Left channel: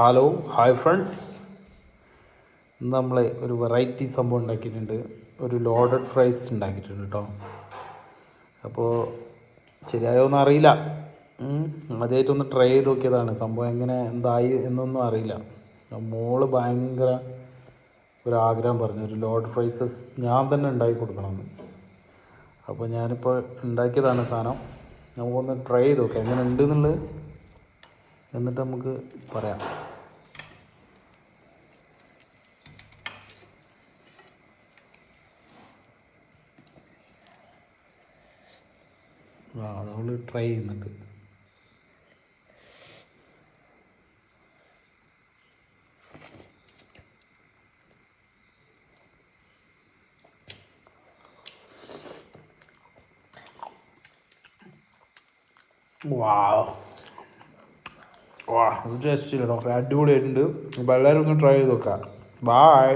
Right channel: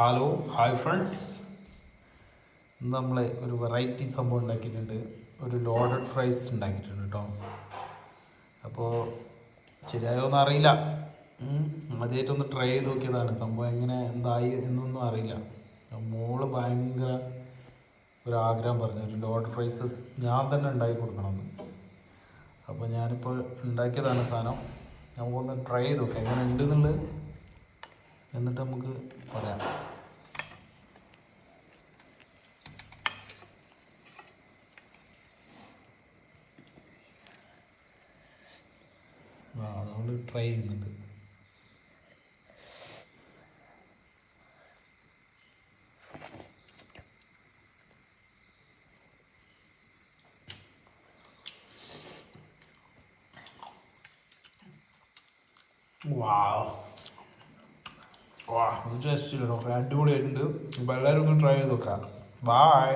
Hello hi friends. ഇന്ന് നമ്മൾ ഒരു വെറൈറ്റി സംഭവം ഉണ്ടാക്കിയിട്ടുണ്ട്. ഒരു ലോഡഡ് ഫ്രൈസ് ഉണ്ടാക്കിയിട്ടുണ്ട് കേട്ടോ. അപ്പോൾ ശരിയായോന്ന് അറിയില്ല. ആദ്യമായിട്ടൊന്ന് ട്രൈ ചെയ്ത് നോക്കിയതാണ്. സംഭവം എങ്ങനെ എന്തായി എന്നൊന്നും അറിയില്ല. മോള് ഭയങ്കര ഒരാഗ്രഹം പറഞ്ഞു, ഒരു ലോഡഡ് ഫ്രൈസസ് ഞാൻ തന്നെ ഉണ്ടാക്കി കൊടുക്കണമെന്ന്. അപ്പോൾ ഞാനിപ്പോൾ ഉണ്ടാക്കിയതാണ് സാധനം. നമുക്കൊന്ന് ട്രൈ ചെയ്ത് നോക്കാം എങ്ങനെ ഉണ്ട് എന്നുള്ളത്, എന്നിട്ട് നമുക്ക് പറയാം. നമ്മൾ ട്രൈ ചെയ്യുന്നുണ്ട്. ജസ്റ്റ് അടിപൊളിയായിട്ടുണ്ട്. അപ്പോൾ എല്ലാവരും ഒന്ന് ട്രൈ ചെയ്ത് നോക്കാം. ബൈ.